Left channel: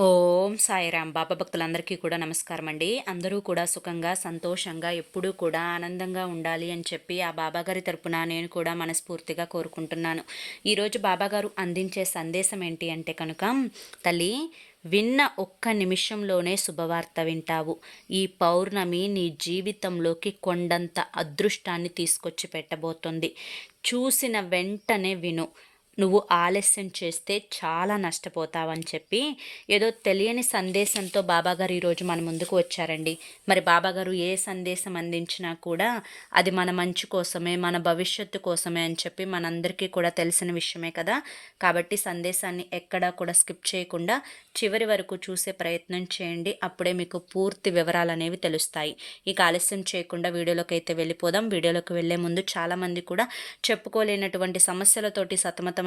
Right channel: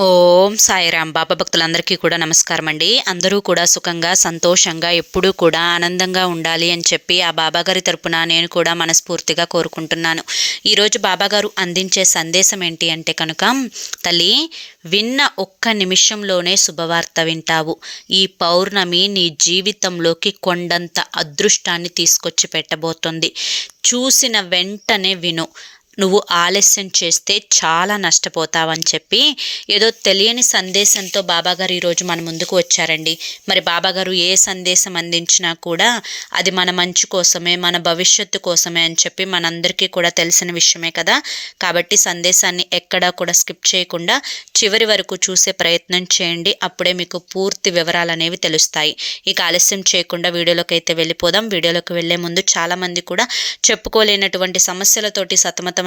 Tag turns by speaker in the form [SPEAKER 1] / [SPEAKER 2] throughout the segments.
[SPEAKER 1] ఓం సాయిరాం బాబా భక్తులందరికీ కూడా నమస్కారం అండి అందరూ కూడా సుఖంగా సంతోషంగా ఎప్పుడూ కూడా ఆనందంగా ఉండాలి అని చెప్పి ఆ బాబాగారి తరపున నేను కూడా మనస్ఫూర్తిగా కోరుకుంటున్నాను. ఈరోజు బాబాగారు అందించే సందేశం ఏంటి అంటే కనుక తల్లి విన్న ఒక్క నిమిషంలోనే శుభవార్త వింటావు. ఈ పౌర్ణమి నీ జీవితంలోకి కొండంత అదృష్టాన్ని తీసుకొచ్చి పెట్టబోతుంది. చూసిన వెంటనే విను. నువ్వు ఆలస్యం చేస్తే చాలా నష్టపోతావని చెప్పి ఏదో తెలియని సందేశంతో బాబాగారు ఈరోజు మన ముందుకు వచ్చారండి. మరి బాబాగారు ఏ సందేశం అందించినా కూడా అది మన మంచి కోసమే మన భవిష్యత్తు కోసమే అని చెప్పి మనందరికీ కూడా తెలిసిన విషయమే కదా. కాబట్టి సందేశాన్ని ఎక్కడా కూడా స్కిప్ చేయకుండా చివరి వరకు చూసే ప్రయత్నం చేయండి. అప్పుడే మీకు పూర్తి వివరాలు అనేవి తెలుస్తాయి. ఇక ఆలస్యం చేయకుండా వీడియోలోకి అయితే వెళ్ళిపోదాం. వీడియోలోకి వెళ్ళే ముందు చాలామంది కూడా చెప్పుకోలేనటువంటి సమస్యలతోటి సతమతం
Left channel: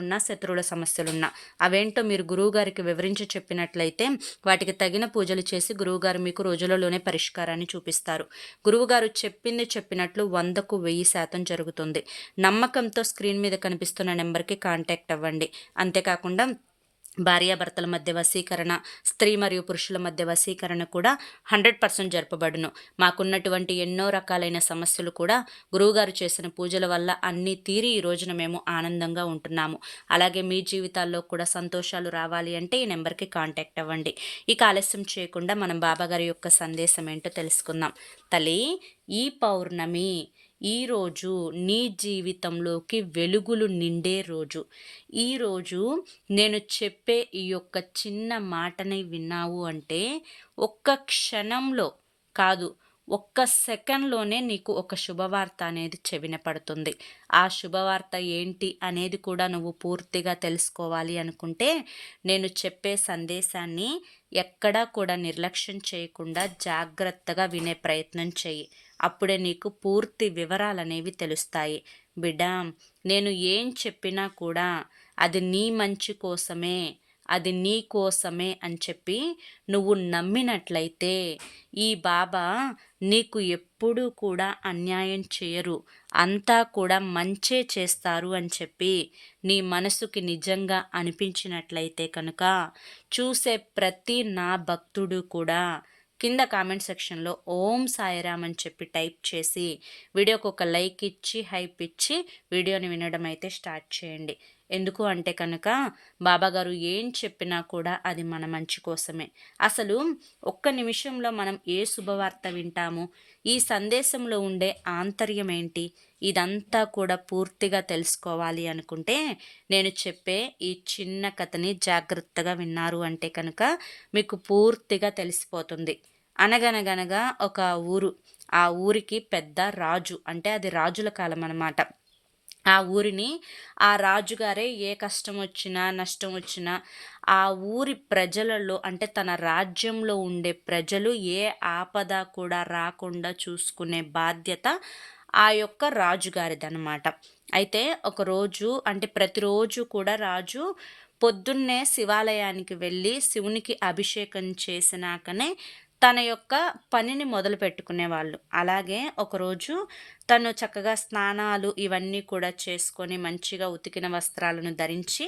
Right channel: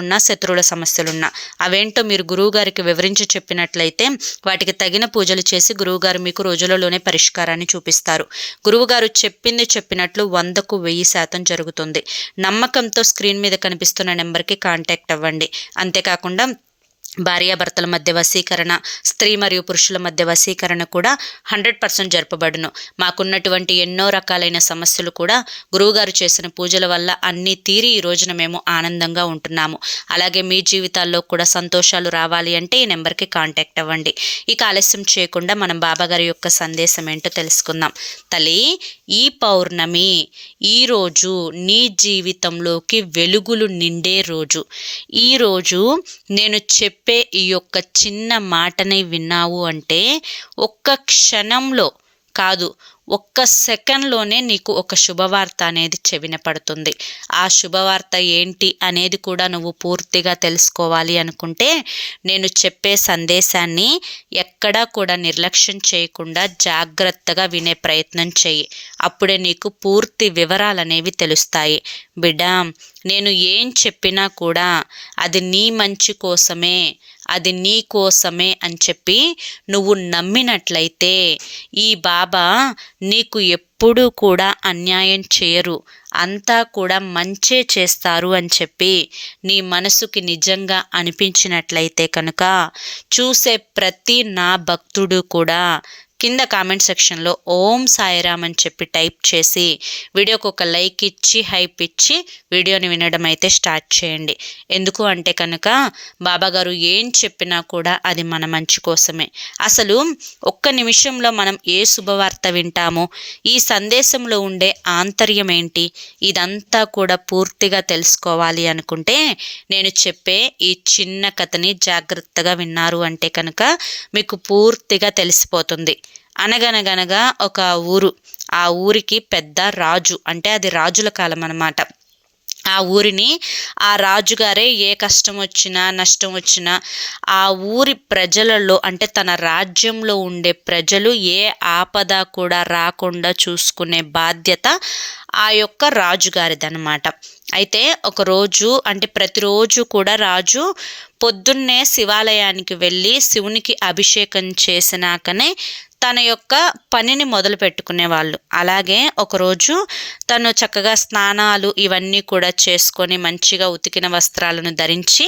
[SPEAKER 1] సమస్యలున్నా శత్రువుల సమస్యలున్నా. అవేంటో మీరు గురువుగారికి వివరించి చెప్పినట్లయితే వాటికి తగిన పూజలు చేసి గురువుగారు మీకు రోజులలోనే పరిష్కారాన్ని చూపిస్తారు. గురువుగారు చెప్పింది చెప్పినట్లు వందకు వెయ్యి శాతం జరుగుతుంది. నమ్మకంతో స్క్రీన్ మీద కనిపిస్తున్న నెంబర్కి కాంటాక్ట్ అవ్వండి. అంతేకాకుండా భార్యాభర్తల మధ్య వశీకరణ స్త్రీ మరియు పురుషుల మధ్య వశీకరణ కూడా హండ్రెడ్ పర్సెంట్ జరపబడును. మాకున్నటువంటి ఎన్నో రకాలైన సమస్యలు కూడా గురువుగారు చేసిన పూజల వల్ల అన్నీ తీరి ఈ రోజున మేము ఆనందంగా ఉంటున్నాము. అలాగే మీ జీవితాల్లో కూడా సంతోషాలు రావాలి అంటే ఈ నెంబర్కి కాంటాక్ట్ అవ్వండి. ఇక ఆలస్యం చేయకుండా మనం బాబాగారి యొక్క సందేశం ఏంటో తెలుసుకుందాం. తల్లి ఈ పౌర్ణమి ఈరోజు నీ జీవితంలోకి వెలుగులు నిండే రోజు. ఈరోజు నేను చెప్పే చెప్పే ఈ యొక్క చిన్న మాటని విన్నావు అంటే ఒక్క క్షణంలో కాదు ఒక్క సెకండ్లోనే నీకు ఒక శుభవార్త అనేది చెవిన పడుతుంది ఆ శుభవార్త ఏంటి అనేది కూడా నువ్వు పూర్తిగా తెలుసుకోవాలి అనుకుంటే నేను చెప్పే సందేశాన్ని ఎక్కడా కూడా నిర్లక్ష్యం చేయకుండా జాగ్రత్తగా వినే ప్రయత్నం చేయి అప్పుడే నీకు పూర్తి వివరాలు అనేవి తెలుస్తాయి. బిడ్డ నేను ఏం చెప్పినా కూడా అది నీ మంచి కోసమే. అది నీ కోసమే అని చెప్పి నువ్వు నమ్మినట్లయితే ఈ బాబా నీకు ఎప్పుడూ కూడా అన్యాయం చేయరు. అంతా కూడా మంచే చేస్తారు అని చెప్పి నీ మనసుకి నిజంగా అనిపించినట్లయితే కనుక చూసే ప్రతి నా భక్తుడు కూడా కింద కామెంట్ సెక్షన్లో ఓం సాయిరామ్ అని చెప్పి టైప్ చేసి వీడియోకి ఒక లైక్ ఇచ్చి హైప్ ఇచ్చి వీడియోని వినడం అయితే స్టార్ట్ చేయండి. ఎందుకు అంటే కనుక బాబాగారు ఏం చెప్పినా కూడా అది మన మంచి కోసమే. అసలు ఒక్క నిమిషంలో మనం ఏ శుభవార్త వింటామో ఈ సందేశంలో ఉండే ఆంతర్యం ఏంటి ఇదంతా కూడా పూర్తిగా తెలుసుకోవాలి అనుకుంటే నేను చెప్పే ఈ చిన్న కథని జాగ్రత్తగా విన్నారు అంటే కనుక మీకు పూర్తిగా తెలిసిపోతుంది. అనగనగనగా ఒక ఊరు. ఆ ఊరికి పెద్ద రాజు. అంటే అది రాజుల కాలం అన్నమాట. ఆ ఊరిని ఆ రాజుగారే ఏ కష్టం వచ్చినా నష్టం వచ్చినా ఆ ఊరి ప్రజలలో అంటే తన రాజ్యంలో ఉండే ప్రజలు ఏ ఆపద కూడా రాకుండా చూసుకునే బాధ్యత ఆ యొక్క రాజుగారిదనమాట అయితే ఒకరోజు అంటే ప్రతిరోజు కూడా రాజు పొద్దున్నే శివాలయానికి వెళ్ళి శివునికి అభిషేకం చేసినాకనే తన యొక్క పనిని మొదలు పెట్టుకునేవాళ్ళు అలాగే ఒకరోజు తను చక్కగా స్నానాలు ఇవన్నీ కూడా చేసుకొని మంచిగా ఉతికిన వస్త్రాలను ధరించి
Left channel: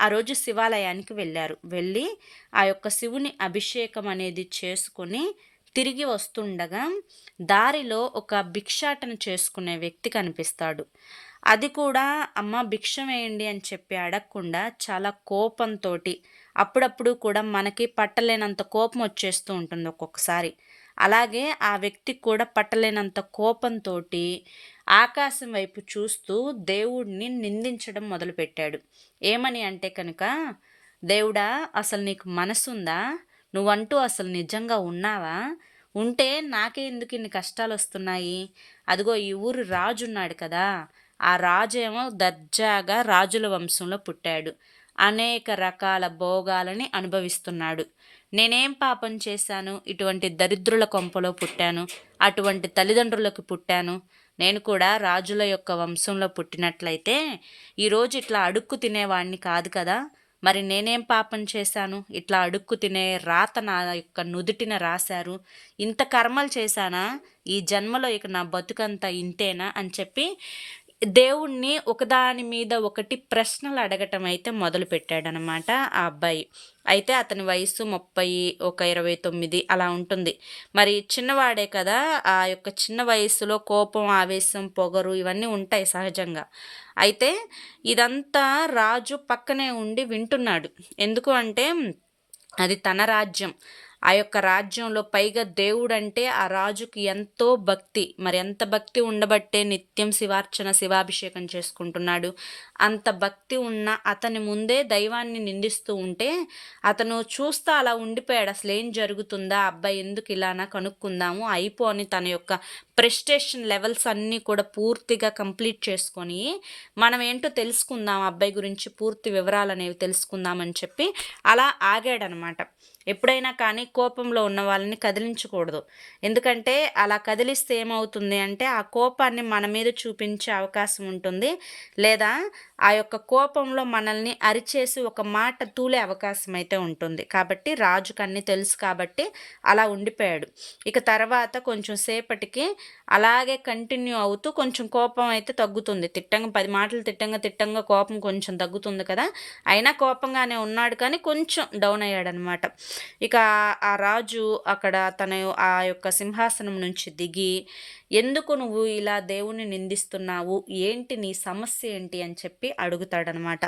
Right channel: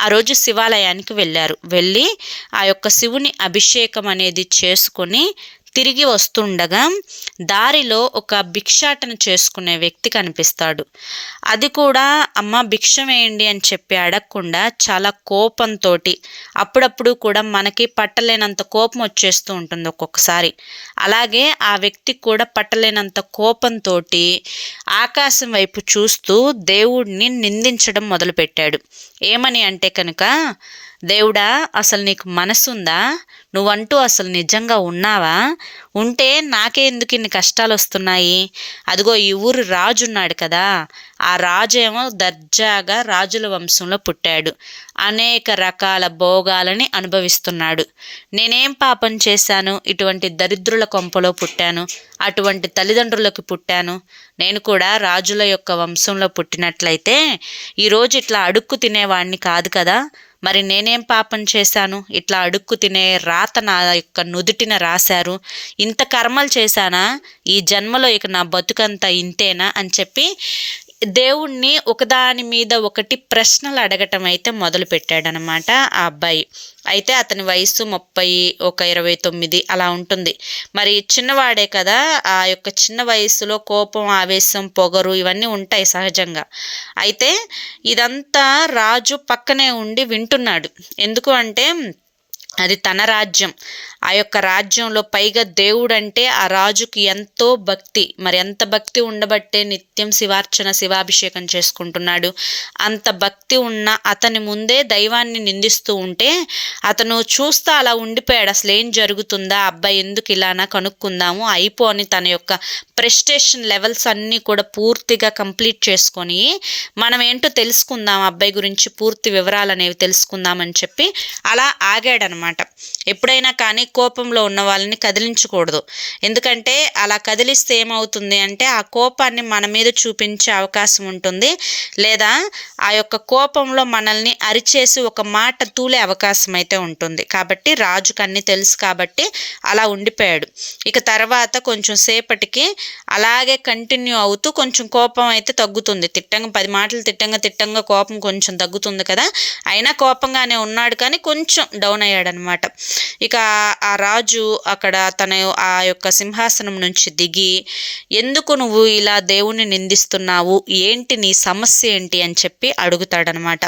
[SPEAKER 1] ఆ రోజు శివాలయానికి వెళ్ళారు. వెళ్ళి ఆ యొక్క శివుని అభిషేకం అనేది చేసుకొని తిరిగి వస్తుండగా దారిలో ఒక భిక్షాటన చేసుకునే వ్యక్తి కనిపిస్తాడు. అది కూడా అమ్మ భిక్ష వేయండి అని చెప్పి అడగకుండా చాలా కోపంతో అప్పుడప్పుడు కూడా మనకి పట్టలేనంత కోపం వచ్చేస్తూ ఉంటుంది ఒక్కొక్కసారి. అలాగే ఆ వ్యక్తి కూడా పట్టలేనంత కోపంతో ఆకాశం వైపు చూస్తూ దేవుడిని నిందించడం మొదలుపెట్టాడు. ఏమని అంటే కనుక దేవుడా అసలు నీకు మనసుందా? నువ్వంటూ అసలు నిజంగా ఉన్నావా? ఉంటే నాకే ఎందుకు ఇన్ని కష్టాలు వస్తున్నాయి అదిగో ఈ ఊరు రాజు ఉన్నాడు కదా. ఆ రాజు ఏమో దర్జాగా రాజుల వంశంలో పుట్టాడు. అనేక రకాల భోగాలని అనుభవిస్తున్నాడు. నేనేం పాపం చేశాను? ఇటువంటి దరిద్రుల కొంపలో పుట్టాను. అటువంటి తల్లిదండ్రులకు పుట్టాను. నేను కూడా రాజుల యొక్క వంశంలో పుట్టినట్లయితే ఈరోజు ఇట్లా అడుక్కు తినేవాడిని కాదు కదా. మరి నేనేం పాపం చేశాను? ఇట్లా అడుక్కు తినే రాత నా యొక్క నుదుటిన రాశారు. ఇంత కర్మలు చేశానా? ఈ జన్మలో ఇక నా బతుకంతా ఇంతేనా? అని చెప్పి దేవుణ్ణి ఒకదాని మీద ఒకటి ప్రశ్నలు అడగటం అయితే మొదలుపెట్టాడనమాట ఆ అబ్బాయి. అయితే అతని వయసు ముప్పై ఒక ఇరవై తొమ్మిది అలా ఉంటుంది. మరి చిన్నవాడే కదా ఆ యొక్క చిన్న వయసులో కోపం ఆవేశం పొగరు ఇవన్నీ ఉంటాయి సహజంగా. అయితే ఇదంతా రాజు పక్కనే ఉండి వింటున్నాడు. ఎందుకు అంటే అది తన రాజ్యం. ఆ యొక్క రాజ్యంలో పైగా దేవుడంటే ఆ రాజుకి ఎంతో భక్తి. మరి ఎంత భక్తి ఉండబట్టే నిత్యం శివార్చన శివాభిషేకం చేసుకుంటున్నాడు. అంత భక్తి ఉన్న అతని ముందే దైవాన్ని నిందిస్తూ ఉంటే అతను చూస్తా అలా ఉండిపోయాడు. అసలు ఏం జరుగుతుందా? అబ్బాయి ఎందుకు ఇలానా కనుక్కుందాము. అయిపో అని తన యొక్క ప్రెస్టేషన్ లెవెల్స్ అన్నీ కూడా పూర్తిగా కంప్లీట్ చేసుకొని మనం ఏంటో తెలుసుకుందాం అబ్బాయి గురించి పూర్తి వివరాలు అనేవి తెలుసుకుందామని చెప్పి అలా ఆగాడనమాట. ఎప్పుడైనా కానీ కోపంలో ఉన్న వాళ్ళని కదిలించకూడదు. ఎందుకంటే అలా కదిలిస్తే ఏమవుతుంది అంటే ఆ కోపాన్ని మన మీద చూపించే అవకాశం ఉంటుంది. లేదా ఆ యొక్క కోపంలో మనల్ని అరిచేసి ఒక మాట తూలే అవకాశం అయితే ఉంటుంది. కాబట్టి రాజుకు అన్నీ తెలుసు కాబట్టి అలా ఉండిపోయాడు. ఇక తర్వాత కొంచెం సేపటికి అలాగే కంటిన్యూ అవుతూ కొంచెం కోపం అయితే తగ్గుతుంది. తిట్టంగా పది మాటలు తిట్టంగా తిట్టంగా కోపం కొంచెం తగ్గుతుంది కదా. అయినా కోపంగానే ఉన్నాడు కానీ కొంచెం డౌన్ అయ్యాడనమాట. ఇక ఆ రాజు అక్కడ తన ఆ యొక్క సింహాసనం నుంచి దిగి ఎందుకు నువ్వు ఇలా దేవుణ్ణి నిందిస్తున్నావు? ఏంటి నీ సమస్య ఏంటి? అని చెప్పి అడుగుతాడనమాట.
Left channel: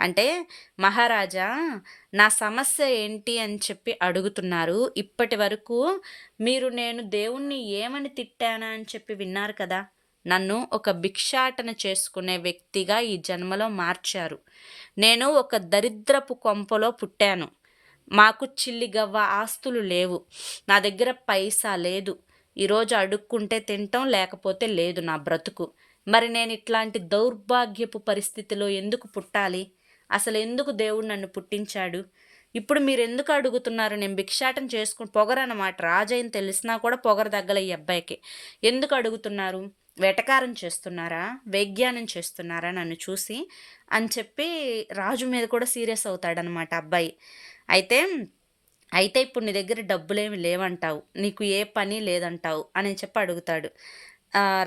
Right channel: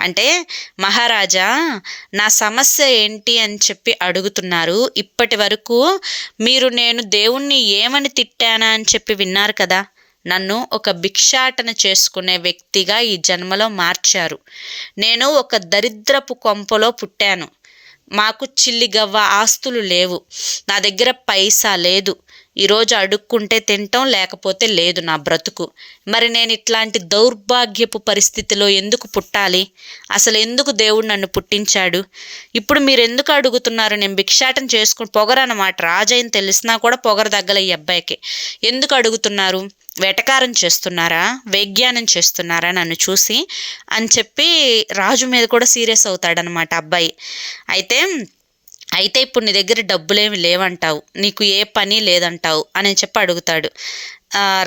[SPEAKER 1] అంటే మహారాజా నా సమస్య ఏంటి? అని చెప్పి అడుగుతున్నారు. ఇప్పటి వరకు మీరు నేను దేవుణ్ణి ఏమని తిట్టానా? అని చెప్పి విన్నారు కదా. నన్ను ఒక భిక్షాటన చేసుకునే వ్యక్తిగా ఈ జన్మలో మార్చారు. నేను ఒక దరిద్రపు కొంపలో పుట్టాను. మాకు చిల్లిగవ్వ ఆస్తులు లేవు. నా దగ్గర పైసా లేదు. ఈరోజు అడుక్కుంటే తింటాం లేకపోతే లేదు నా బ్రతుకు. మరి నేను ఇట్లాంటి దౌర్భాగ్యపు పరిస్థితిలో ఎందుకు పుట్టాలి? అసలు ఎందుకు దేవుడు నన్ను పుట్టించాడు? ఇప్పుడు మీరు ఎందుకు అడుగుతున్నారు నేను భిక్షాటం చేసుకుని పొగరన్నమాట. రాజైన తెలిసినా కూడా పొగర దగ్గల ఈ అబ్బాయికి. ఎందుకు అడుగుతున్నారు? వెటకారం చేస్తున్నారా? వేగ్యానం చేస్తున్నారా నన్ను చూసి అని చెప్పి రాజు మీద కూడా సీరియస్ అవుతాడనమాట అబ్బాయి. అయితే అయితే ఇప్పుడు నీ దగ్గర డబ్బులేమి లేవంటావు. నీకు ఏ పని లేదంటావు అని చెప్పి అడుగుతాడు.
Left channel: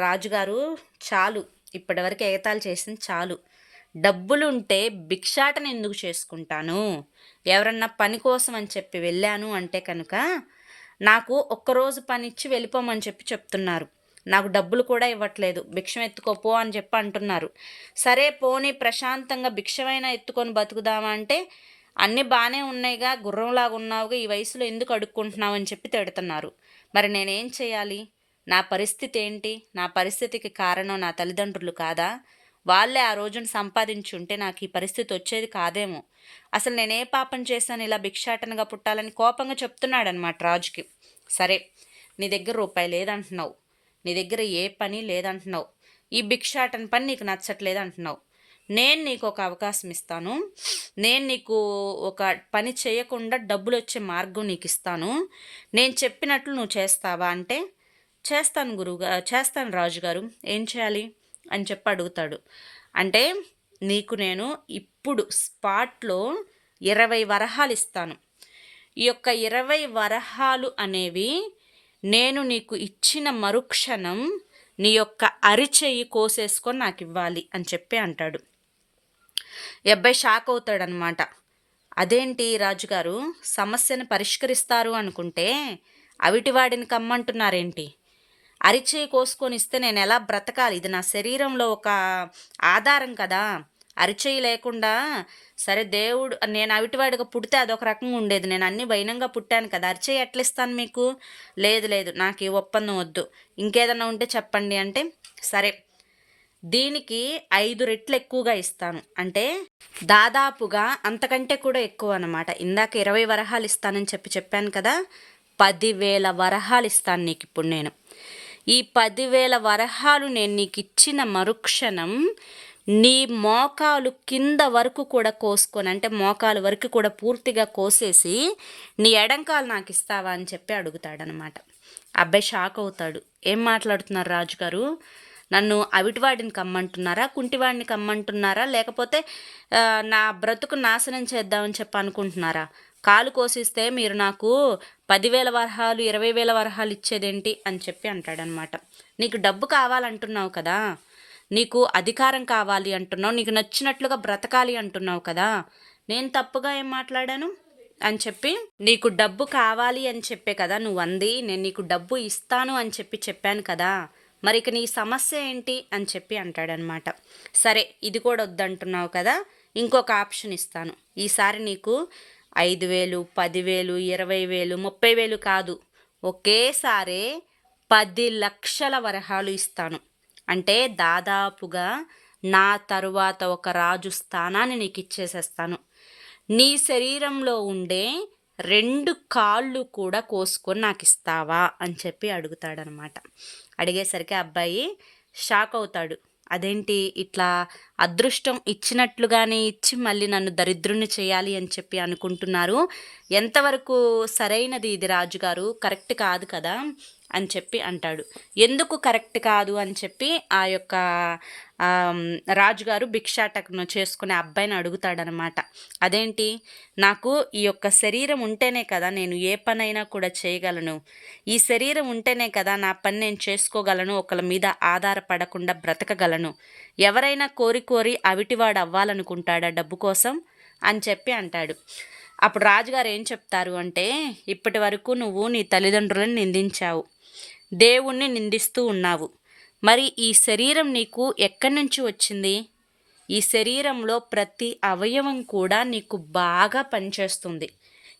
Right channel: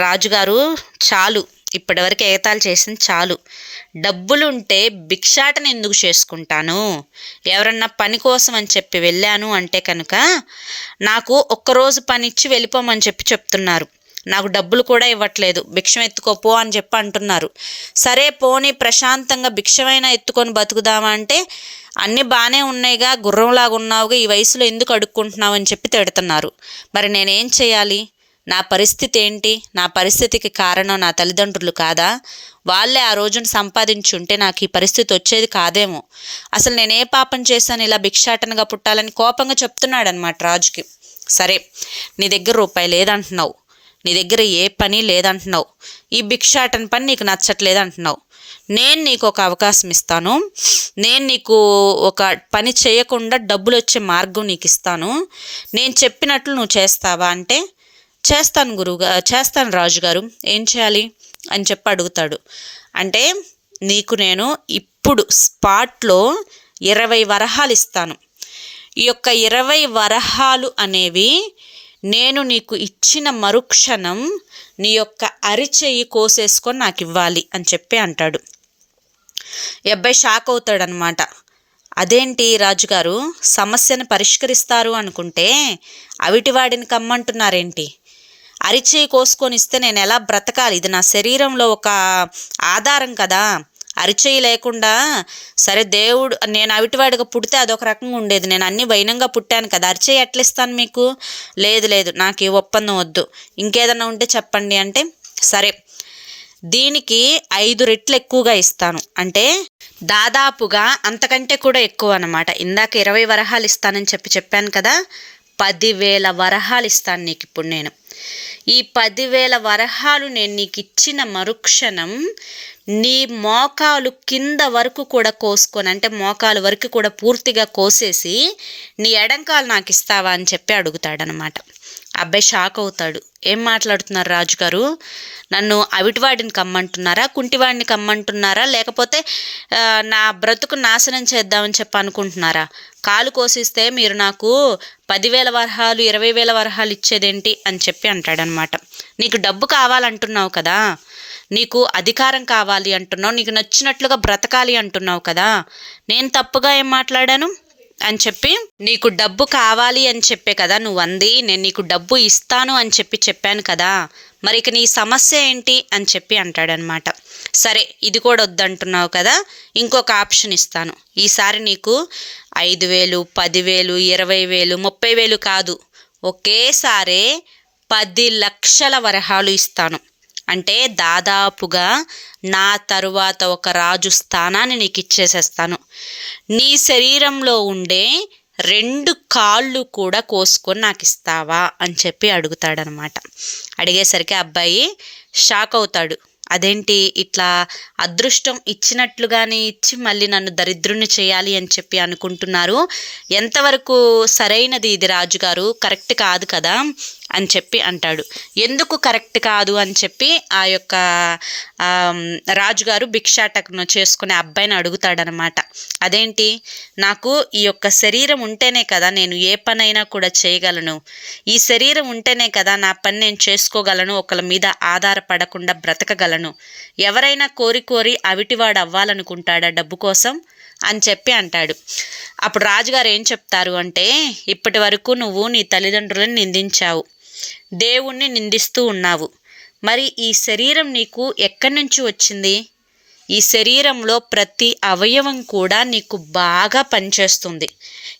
[SPEAKER 1] రాజుగారు చాలు. ఇప్పటివరకు ఏతాలు చేసింది చాలు. డబ్బులుంటే భిక్షాటన ఎందుకు చేసుకుంటాను? ఎవరన్నా పని కోసం అని చెప్పి వెళ్ళాను అంటే కనుక నాకు ఒక్కరోజు పని ఇచ్చి వెళ్ళిపోమని చెప్పి చెప్తున్నారు. నాకు డబ్బులు కూడా ఇవ్వట్లేదు భిక్షం ఎత్తుకోపో అని చెప్పి అంటున్నారు. సరే పోనీ ప్రశాంతంగా భిక్షమైనా ఎత్తుకొని బతుకుదామా అంటే అన్నీ బాగానే ఉన్నాయిగా గుర్రంలాగా ఉన్నావుగా ఈ వయసులో ఎందుకు అడుక్కుంటున్నావు అని చెప్పి తిడుతున్నారు. మరి నేనేం చేయాలి? నా పరిస్థితి ఏంటి? నా పరిస్థితికి కారణం నా తల్లిదండ్రులు కాదా? వాళ్ళే ఆ రోజున సంపాదించుంటే నాకు ఈ పరిస్థితి వచ్చేది కాదేమో. అసలు నేనే పాపం చేశాను? ఇలా భిక్షాటనగా పుట్టాలని కోపంగా చెప్తున్నాడనమాట రాజుకి. సరే నీ దగ్గర రూపాయి లేదంటున్నావు. నీ దగ్గర ఏ పని లేదంటున్నావు. ఈ భిక్షాటన పని నీకు నచ్చట్లేదు అంటున్నావు నేను నీకు ఒక అవకాశం ఇస్తాను. నేను నీకు ఒక పని చేయకుండా డబ్బులు వచ్చే మార్గం నీకు ఇస్తాను. నేను చెప్పినట్లు నువ్వు చేస్తావా అంటే చేస్తాను గురువుగా చేస్తాను రాజుగారు ఏం చేయాలి? అని చెప్పి అడుగుతాడు. అంటే నీకు నేను ఇప్పుడు స్పాట్లో ఇరవై వరహాలు ఇస్తాను. ఈ యొక్క ఇరవై వరహాలు అనేవి నేను నీకు ఇచ్చిన మరుక్షణం నీ యొక్క అరిచెయ్యి కోసేసుకొని నాకు ఇవ్వాలి అని చెప్పి అంటాడు. ఈ అబ్బాయి షాక్ అవుతాడనమాట. అదేంటి రాజుగారు సమస్యను పరిష్కరిస్తారు అనుకుంటే అవిటివాడిని కమ్మంటున్నారేంటి? అరిచేయి కోసుకొని ఇస్తే నేను ఎలా బ్రతకాలి? ఇది నా శరీరంలో ఒక ఆధారం కదా. అరిచేయి లేకుండా సరే దేవుడు నేను అవిటివాడిగా పుడితే అదొక రకంగా ఉండేది. నేను అన్ని వైనంగా పుట్టాను కదా అరిచేయి ఎట్లా ఇస్తాను మీకు? లేదు లేదు నాకు ఈ ఒప్పందం వద్దు. ఇంకేదన్నా ఉంటే చెప్పండి అంటే సరే దీనికి ఐదు రెట్లు ఎక్కువగా ఇస్తాను. అంటే దాదాపుగా అంతకంటే కూడా ఎక్కువ అనమాట ఇందాక ఇరవై వరహాలు ఇస్తానని చెప్పి చెప్పాను కదా పదివేల వరహాలు ఇస్తాను నీకు ఇప్పుడు నేను. ఈ పదివేల వరహాలు నేను నీకు ఇచ్చిన మరుక్షణం నీ మోకాలు కింద వరకు కూడా కోసుకొని అంటే మోకాలు వరకు కూడా పూర్తిగా కోసేసి నీ ఎడంకాలు నాకు ఇస్తావా అని చెప్పి అడుగుతాడనమాట అబ్బాయి షాక్ అవుతాడు. ఏం మాట్లాడుతున్నారు రాజుగారు? నన్ను అవిటివాడిని కమ్మంటున్నారా? కుంటివాడిని కమ్మంటున్నారా? లేకపోతే నా బ్రతుకు నాశనం చేద్దామని చెప్పి అనుకుంటున్నారా? కాలు కోసిస్తే మీరు నాకు పదివేల వరహాలు ఇరవై వేల వరహాలు ఇచ్చేదేంటి అని చెప్పి అంటాడనమాట. నీకు డబ్బు కావాలంటున్నావు కదా నీకు అధికారం కావాలి అంటున్నావు నీకు నచ్చినట్లుగా బ్రతకాలి అంటున్నావు కదా నేను తప్పుగా ఏం మాట్లాడాను? అని చెప్పి నీకు డబ్బు కావాలి అని చెప్పే కదా నువ్వు అంది నేను నీకు డబ్బు ఇస్తాను అని చెప్పి చెప్పాను కదా మరి ఇక నీ సమస్య ఏంటి? అని చెప్పి అంటాడనమాట. సరే ఇది కూడా వద్దంటున్నావు కదా ఇంకొక ఆప్షన్ ఇస్తాను. ఈసారి నీకు ఐదు వేలు పదివేలు ఇరవై వేలు ముప్పై వేలు కాదు. ఒకేసారే పది లక్షల వరహాలు ఇస్తాను. అంటే దాదాపుగా నా తరువాత ఒక రాజు స్థానాన్ని నీకు ఇచ్చేసేస్తాను. నీ శరీరంలో ఉండే రెండు కాళ్ళు కూడా కోసుకొని నాకు ఇస్తావా అని చెప్పి అడుగుతాడనమాట. అడిగేసరికి అబ్బాయి షాక్ అవుతాడు. అదేంటి ఇట్లా అదృష్టం ఇచ్చినట్లుగానే ఇచ్చి మళ్ళీ నన్ను దరిద్రుని చేయాలి అని చెప్పి అనుకుంటున్నారు? ఎంతవరకు సరైనది ఇది రాజుగారు? కరెక్ట్ కాదు కదా. అని చెప్పి అంటాడు. ఎందుకు కరెక్ట్ కాదు అని చెప్పి ఆ యొక్క రాజుగారు భిక్షాటకను చేసుకునే అబ్బాయిని అడుగుతాడనమాట. అదేంటి? నాకు ఈ యొక్క శరీరం ఉంటేనే కదా నేను ఏ పనైనా కూడా చేయగలను. ఈ శరీరం ఉంటేనే కదా నా పని నేను చేసుకోగలను ఒకళ్ళ మీద ఆధారపడకుండా బ్రతకగలను. ఎవరైనా కోరి కోరి అవిటివాడు అవ్వాలనుకుంటాడా డబ్బు కోసం? అని చెప్పి అంటాడు. అప్పుడు రాజుగారు ఏం చెప్తారు అంటే ఇప్పటి వరకు నువ్వు నీ తల్లిదండ్రులను నిందించావు. దేవుణ్ణి నిందిస్తూ ఉన్నావు. మరి ఈ శరీరం నీకు ఎక్కడి నుంచి వచ్చింది? ఈ శరీరంలో ప్రతి అవయవం కూడా నీకు బాగా పనిచేస్తుంది.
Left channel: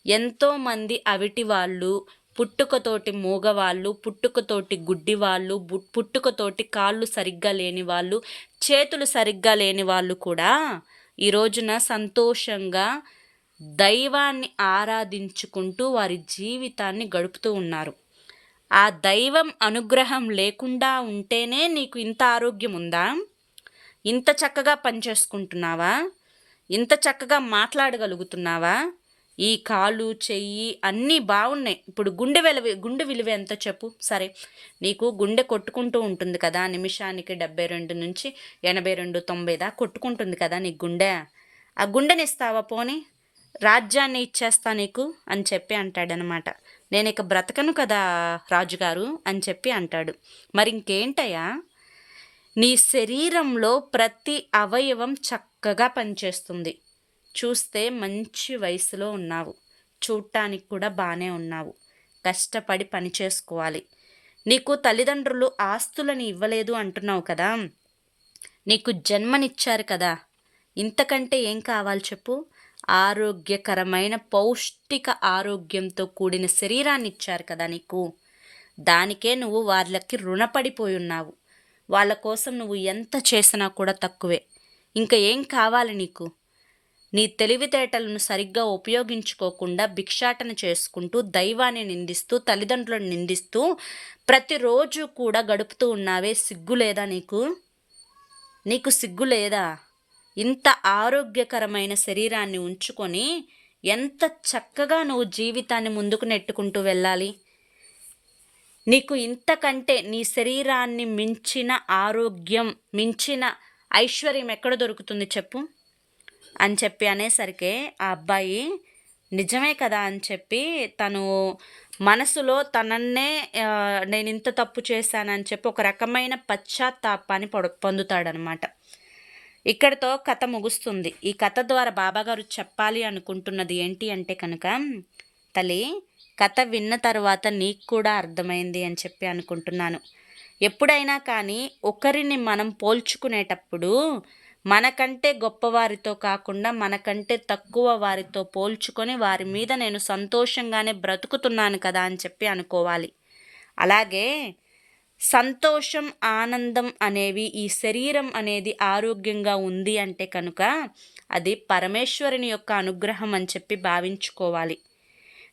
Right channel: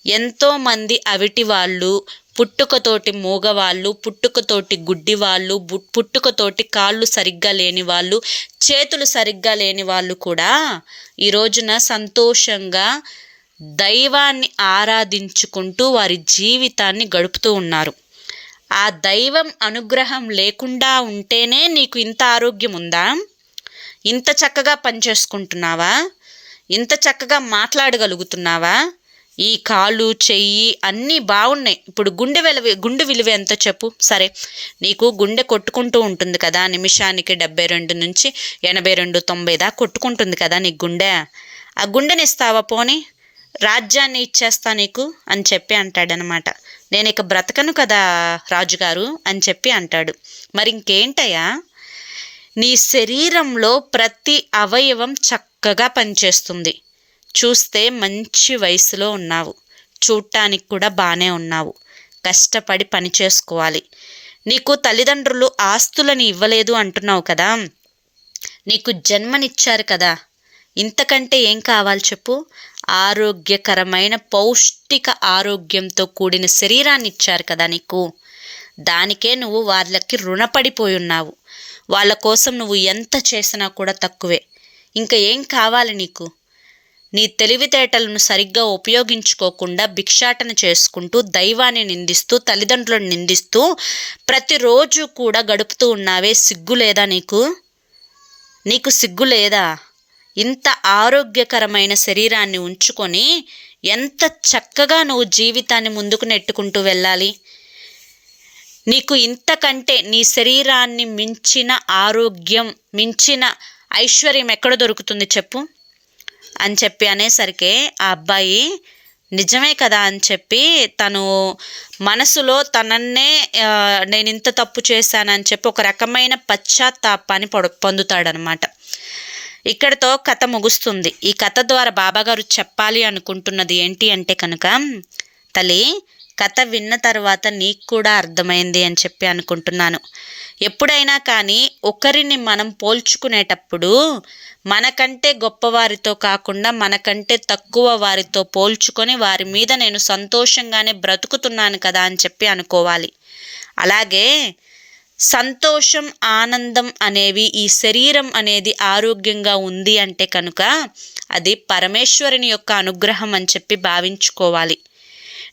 [SPEAKER 1] ఎంతోమంది అవిటి వాళ్ళు పుట్టుకతోటి మూగవాళ్ళు పుట్టుకతోటి గుడ్డి వాళ్ళు పుట్టుకతోటి కాళ్ళు సరిగ్గా లేని వాళ్ళు చేతులు సరిగ్గా లేని వాళ్ళు కూడా ఈ రోజున సంతోషంగా దైవాన్ని ఆరాధించుకుంటూ వారి జీవితాన్ని గడుపుతూ ఉన్నారు. ఆ దైవం అనుగ్రహం లేకుండా ఉంటేనే నీకు ఇంత ఆరోగ్యం ఉందా? ఇంత చక్కగా పనిచేసుకుంటున్నావా? ఇంత చక్కగా మాట్లాడగలుగుతున్నావా? ఈ కాళ్ళు చెయ్యి అన్నీ బాగున్నాయి. ఇప్పుడు గుండె విలువ గుండె విలువ ఎంత చెప్పు. సరే నీకు గుండె కొట్టుకుంటూ ఉంటుంది కదా నిమిషానికి డెబ్బై రెండు నుంచి ఎనభై రెండు తొంభై దాకా కొట్టుకుంటుంది కదా నీ గుండె. ఆ గుండెని ఇస్తావా పోనీ? రాజ్యాన్ని ఇచ్చేస్తా నీకు అని చెప్పి అంటాడనమాట. నేను ఇక బ్రతకను కదా రాజుగారు అని చెప్పి అంటాడు. మరి ఇంకేంటయ్యా? నీ శరీరంలో ప్రతి అవయవం చక్కగా పనిచేస్తుంది. చూస్తే మంచి వయసులో ఉన్నావు. చూడటానికి కూడా బాగానే ఉన్నావు. కష్టపడి పని చేసుకోవాలి. నీకు తల్లిదండ్రులు ఆస్తులని ఇవ్వలేదు అంటున్నావు కదా. నీకు జన్మనిచ్చారు కదా. ఇంతకంటే ఏం కావాలి చెప్పు? ఆరోగ్యకరమైన పౌష్టిక ఆరోగ్యంతో కూడిన శరీరాన్ని ఇచ్చారు కదా నీకు? దానికే నువ్వు వాళ్ళకి రుణపడిపోయి ఉన్నావు వాళ్ళ కోసం నువ్వు ఎంత చేసినా కూడా తక్కువే. ఇంకా ఏం కావాలి నీకు? నీ తెలివితేటలను సరిగ్గా ఉపయోగించుకోకుండా భిక్షాటన చేసుకుంటూ దైవాన్ని నిందిస్తూ తల్లిదండ్రులను నిందిస్తూ ప్రతిరోజు కూడా గడుపుతూ ఉన్నావే? సిగ్గు లేదా నీకు? నీకు సిగ్గు లేదా? ఇంత ఆరోగ్యకరమైన శరీరాన్ని ఉంచుకొని ఎంత చక్కగా నువ్వు జీవితాన్ని ముందుకు నెట్టుకుంటూ వెళ్ళాలి? నీకు ఇంతకంటే నీ శరీరాన్ని మించిన ఆరోగ్యం మించిన ఐశ్వర్యం ఎక్కడ దొరుకుతుంది చెప్పు? అని చెప్పి అనేసరికి ఆ అబ్బాయి నిజమే కదా అని చెప్పి తను మనసులో తనన్నే నేను ఇంత తప్పు చేశానని చెప్పి ఒక రకమైన పశ్చాత్తాపాన్ని పొడ పొందుతాడనమాట ఇక్కడితో కథ ముగుస్తుంది. ఈ కథ ద్వారా బాబాగారు చెప్పాలి అనుకుంటున్నది ఏంటి అంటే కనుక తల్లి కథ విన్న తర్వాత నీకు కూడా అర్థమైంది అని చెప్పి అనుకుంటున్నాను. ఎప్పుడైనా కానీ ఒకరిని మనం పోల్చుకునేటప్పుడు మనకంటే గొప్పవారితో కాకుండా మనకంటే తక్కువ వారితో పోల్చుకొని వారి మీద నేను సంతోషంగానే బ్రతుకుతున్నాను కదా అని చెప్పి అనుకోవాలి. అలాగే సంతోషం ఆనందం అనేవి ఈ శరీరం అనేది ఆరోగ్యంగా ఉంది అంటే కనుక అది పరమేశ్వరుని యొక్క అనుగ్రహం అని చెప్పి భావించుకోవాలి.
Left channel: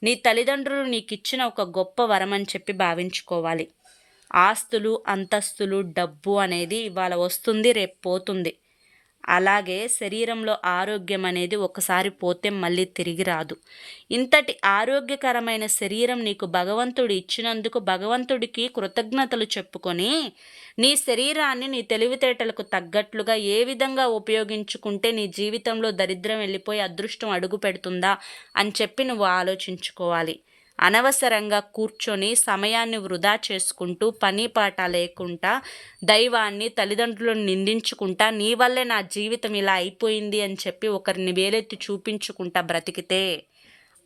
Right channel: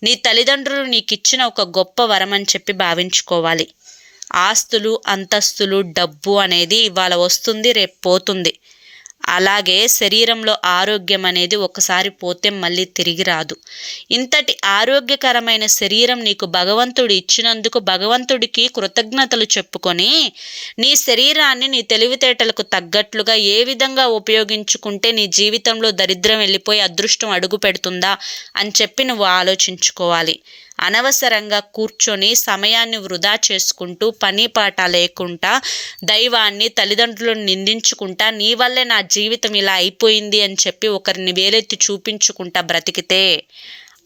[SPEAKER 1] నీ తల్లిదండ్రులు నీకు ఇచ్చిన ఒక గొప్ప వరం అని చెప్పి భావించుకోవాలి. ఆస్తులు అంతస్తులు డబ్బు అనేది ఇవాళ వస్తుంది రేపు పోతుంది. అలాగే శరీరంలో ఆరోగ్యం అనేది ఒకసారి పోతే మళ్ళీ తిరిగి రాదు. ఇంతటి ఆరోగ్యకరమైన శరీరం నీకు భగవంతుడు ఇచ్చినందుకు భగవంతుడికి కృతజ్ఞతలు చెప్పుకొని నీ శరీరాన్ని నీ తెలివితేటలకు తగ్గట్లుగా ఏ విధంగా ఉపయోగించుకుంటే నీ జీవితంలో దరిద్రం వెళ్ళిపోయి అదృష్టం అడుగు పెడుతుందా అని చెప్పి నువ్వు ఆలోచించుకోవాలి. అనవసరంగా కూర్చొని సమయాన్ని వృధా చేసుకుంటూ పని పాట లేకుండా దైవాన్ని తల్లిదండ్రులను నిందించుకుంటా నీ వల్లే నా జీవితం ఇలా అయిపోయింది అని చెప్పి ఒకరిని వేలెత్తి చూపించుకుంటా బ్రతికితే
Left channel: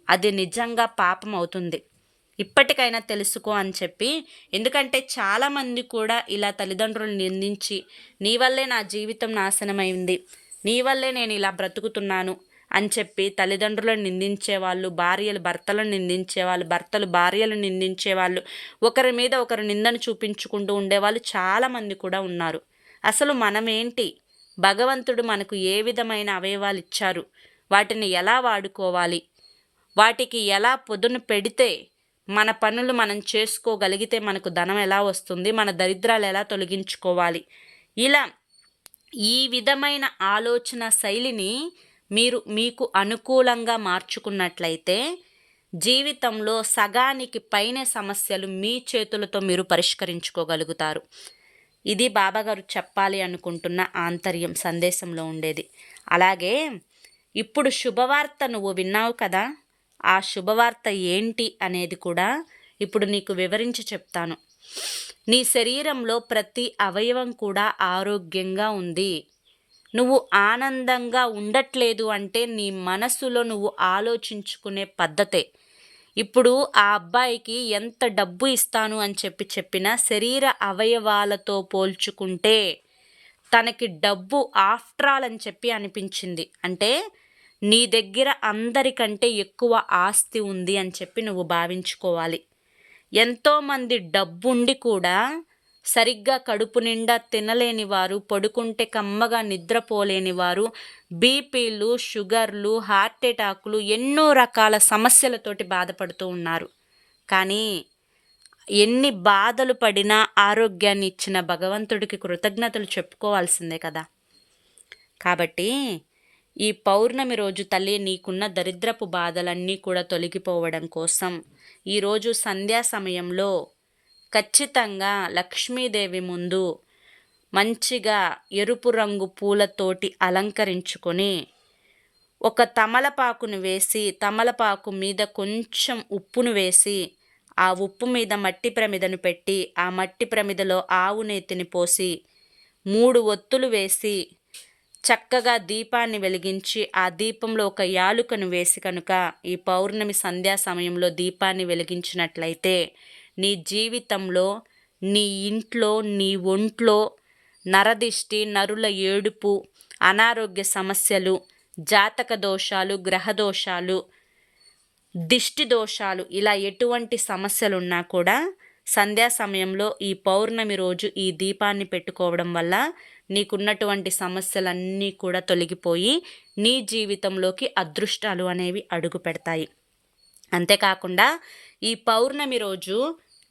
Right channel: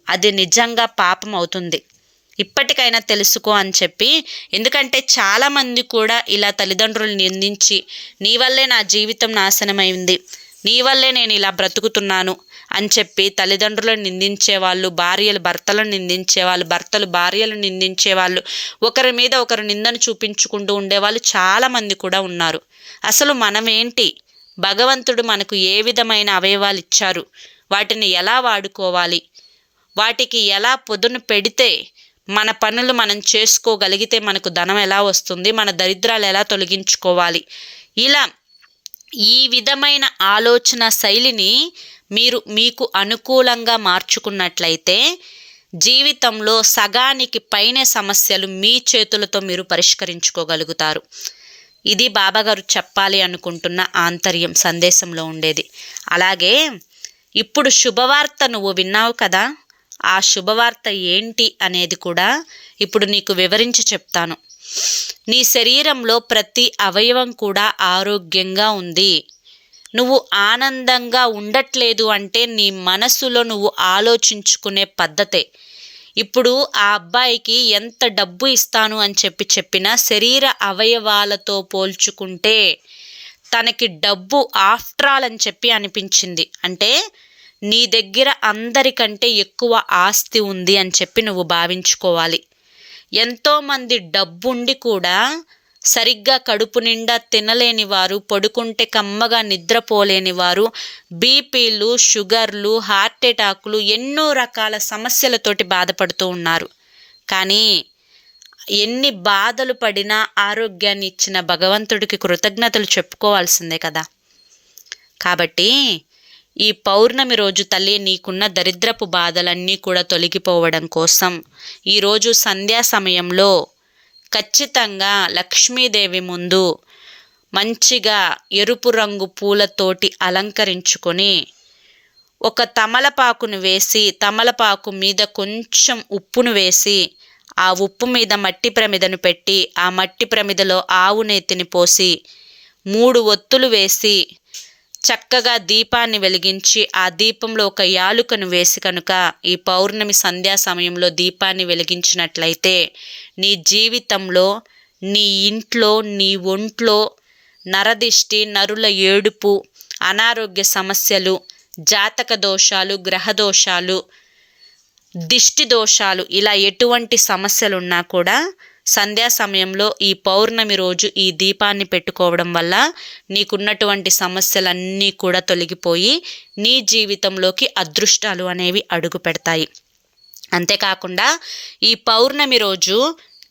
[SPEAKER 1] అది నిజంగా పాపం అవుతుంది. ఇప్పటికైనా తెలుసుకో అని చెప్పి ఎందుకంటే చాలామంది కూడా ఇలా తల్లిదండ్రులు నిందించి నీ వల్లే నా జీవితం నాశనమైంది. నీ వల్లే నేను ఇలా బ్రతుకుతున్నాను అని చెప్పి తల్లిదండ్రులను నిందించేవాళ్ళు భార్యలు భర్తలను నిందించేవాళ్ళు భర్తలు భార్యలు నిందించేవాళ్ళు ఒకరి మీద ఒకరు నిందను చూపించుకుంటూ ఉండేవాళ్ళు చాలామంది కూడా ఉన్నారు. అసలు మనమేంటి? భగవంతుడు మనకు ఏ విధమైన అవయవాలు ఇచ్చారు? వాటిని ఎలా వాడుకోవాలి? వాటికి ఎలా పొదును పెడితే మన పనులు మనం చేసుకోగలిగితే మనకు ధనం ఎలా వస్తుంది? మన దరిద్రాలు ఎలా తొలగించుకోవాలి? ఇలా ఈ విధమైన ఆలోచన శైలిని మీరు మీకు అనుకూలంగా మార్చుకున్నట్లయితే జీవితంలో సగానికి పైనే సమస్యలు మీ చేతులతో మీరు పరిష్కరించుకోగలుగుతారు. ఇది బాబాగారు చెప్పాలి అనుకుంటున్న ఆంతర్యం సందేశంలో ఉండేది. అలాగే ఇప్పుడు శుభవార్త నువ్వు విన్నావు కదా ఆ శుభవార్త ఏంటి అనేది కూడా ఇప్పుడు నీకు వివరించి చెప్తాను. నీ శరీరంలో ప్రతి అవయవం కూడా ఆరోగ్యంగా ఉంది. నువ్వు ఆనందంగా ఉండట్లేదు అంటే నీ మనసులో నువ్వు ఆలోచించుకునే పద్ధతే. ఇప్పుడు ఆ అబ్బాయికి ఎంత డబ్బు ఇస్తాను అని చెప్పి చెప్పినా శరీర అవయవాలతో పోల్చుకుంటే తనకి డబ్బు ఆఫ్టర్ ఆల్ అని చెప్పి అనిపించింది. అంటే నీ దగ్గర అందరికంటే ఎక్కువ ఆస్తి ఉంది అని చెప్పి నువ్వు భావించుకోవాలి. ఎంతోమంది డబ్బుండి కూడా సరిగ్గా కడుపు నిండా తినలేని వారు పడుకుంటే కమ్మగా నిద్రపోలేని వారు బీపీలు షుగర్లు హార్ట్ అటాకులు ఎన్నో రకాల సమస్యలతోటి బాధపడుతూ ఉన్నారు. కానీ ఎన్ని బాధలు పడినా ఆరోగ్యాన్ని ఇచ్చిన భగవంతుడికి కృతజ్ఞతలు చెప్పుకోవాల్సిందే కదా. కాబట్టి ఈ పౌర్ణమి రోజు తల్లి నీకున్న దరిద్రపు బాధలన్నీ కూడా తొలగిపోవడం కోసం ఈరోజు సంధ్యా సమయంలో ఖచ్చితంగా లక్ష్మీదేవి ముందు మంచిగా ఎరుపు రంగు పూలతోటి అలంకరించుకొని ఒక తమలపాకును వేసి తమలపాకు మీద కొంచెం ఉప్పును వేసి ఆ ఉప్పు మీద మట్టి ప్రమిదను పెట్టి ఆ మట్టి ప్రమిదలో ఆవు నేతిని పోసి మూడు ఒత్తులు వేసి చక్కగా దీపాన్ని వెలిగించి ఆ దీపంలో ఒక యాలుకను వేసి కనుక ఈ పౌర్ణమి సంధ్యా సమయంలో దీపాన్ని వెలిగించినట్లయితే నీ జీవితంలో నీ ఇంట్లో నీ ఒంట్లో నరదిష్టి నరుల ఏడుపు అనారోగ్య సమస్యలు జాతక దోషాలు గ్రహ దోషాలు దిష్టి దోషాలు ఇలా ఎటువంటి సమస్యలున్నా కూడా సంధ్యా సమయంలో ఈ పౌర్ణమి రోజు ఈ దీపాన్ని పెట్టుకోవడం వల్ల నీకున్నటువంటి సమస్యలన్నీ కూడా తొలగిపోయి నీ జీవితంలోకి అదృష్టాలు అనేవి అడుగు పెడతాయి. అంతేకాకుండా ఈ పౌర్ణమి రోజు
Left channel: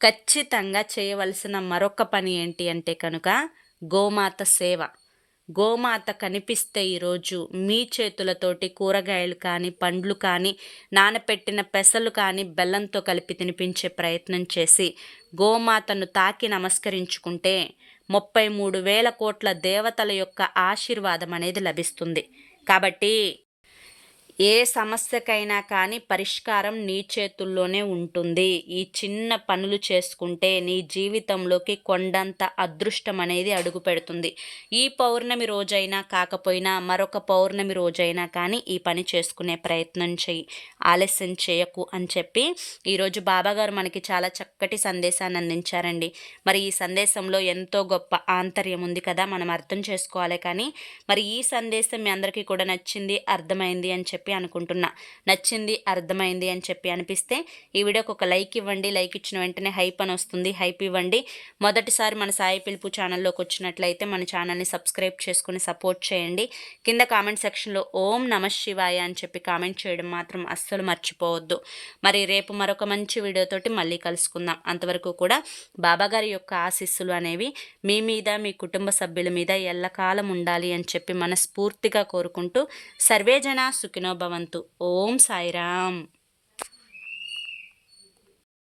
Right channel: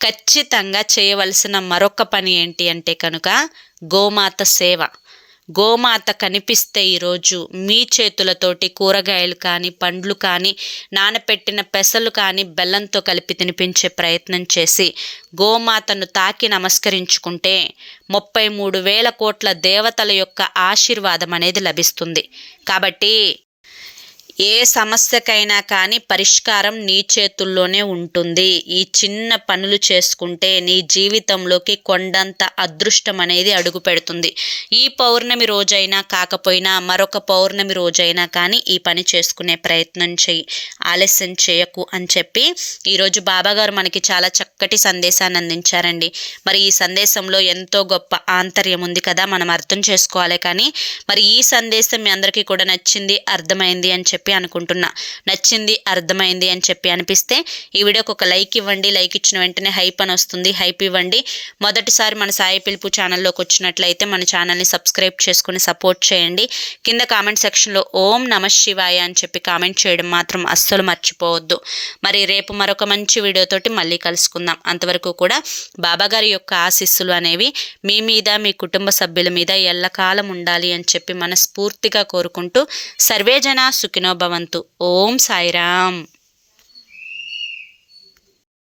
[SPEAKER 1] ఖచ్చితంగా చేయవలసిన మరొక పని ఏంటి అంటే కనుక గోమాత సేవ. గోమాత కనిపిస్తే ఈరోజు మీ చేతులతోటి కూరగాయలు కానీ పండ్లు కానీ నానపెట్టిన పెసలు కానీ బెల్లంతో కలిపి తినిపించే ప్రయత్నం చేసి గోమాతను తాకి నమస్కరించుకుంటే ముప్పై మూడు వేల కోట్ల దేవతల యొక్క ఆశీర్వాదం అనేది లభిస్తుంది. కాబట్టి ఏ సమస్యకైనా కానీ పరిష్కారం నీ చేతుల్లోనే ఉంటుంది. ఈ చిన్న పనులు చేసుకుంటే నీ జీవితంలోకి కొండంత అదృష్టం అనేది అడుగు పెడుతుంది. ఈ పౌర్ణమి రోజైనా కాకపోయినా మరొక పౌర్ణమి రోజైనా కానీ ఈ పని చేసుకునే ప్రయత్నం చెయ్యి ఆలస్యం చేయకు అని చెప్పి ఈరోజు బాబాగారు మనకి చాలా చక్కటి సందేశాన్ని అందించారండి. మరి ఈ సందేశంలో ఎంతో గొప్ప ఆంతర్యం ఉంది కదా మనం అర్థం చేసుకోవాలి కానీ మరి ఈ సందేశం మీ అందరికీ కూడా నచ్చింది అర్థమైంది అని చెప్పి చెప్పి అనుకుంటున్నా. నచ్చింది అర్థమైంది అని చెప్పి అనిపిస్తే ఈ వీడియోకి ఒక లైక్ ఇవ్వండి. లైక్ ఇచ్చిన వెంటనే హైప్ అని వస్తుంది. హైప్ ఇవ్వండి. మొదటిసారి మన సాయి పిలుపు ఛానల్లోకి వచ్చినట్లయితే మన ఛానల్ని సబ్స్క్రైబ్ చేసుకుని సపోర్ట్ చేయండి. కింద కామెంట్ సెక్షన్లో ఓం నమ శివాయ అని చెప్పి కామెంట్ చేయడం మాత్రం అస్సలు మర్చిపోవద్దు. మరి రేపు మరొక మంచి వీడియోతోటి మళ్ళీ కలుసుకుందాం. అంతవరకు కూడా బాబాగారి యొక్క ఆశీస్సులు అనేవి మీ మీద మీ కుటుంబ సభ్యుల మీద ఎల్లకాలం ఉండాలి అని చెప్పి మనస్ఫూర్తిగా కోరుకుంటూ సర్వేజన సుఖినో భవంతు ఓం సాయిరామ్.